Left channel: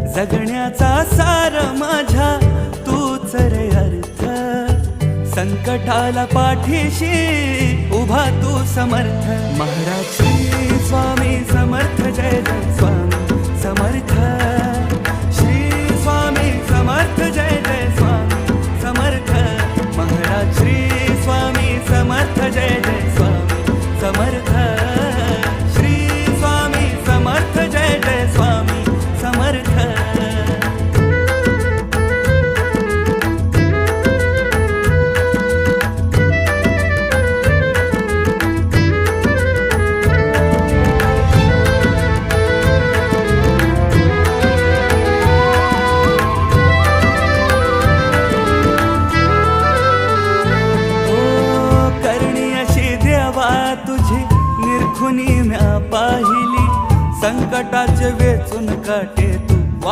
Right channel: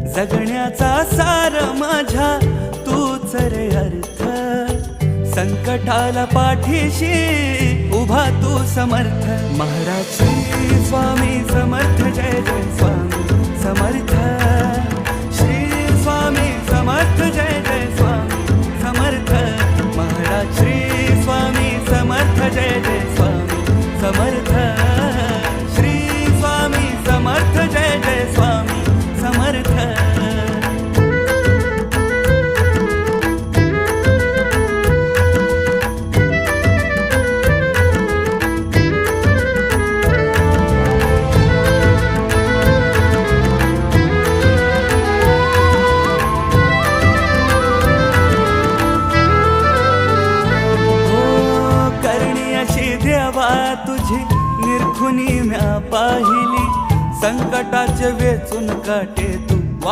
जगण्याचा सार माझ्या तूच रे अर्थ, संकटाला पाठीशी उभा तू समर्थ. महाराज श्री स्वामी समर्थ, जय जय स्वामी समर्थ. श्री स्वामी समर्थ, जय जय स्वामी समर्थ. महाराज श्री स्वामी समर्थ, जय जय स्वामी समर्थ. श्री स्वामी समर्थ, जय जय स्वामी समर्थ. देवा तुझी निरखुनी म्या पाहिली, संकटाचे वेचून काटे तू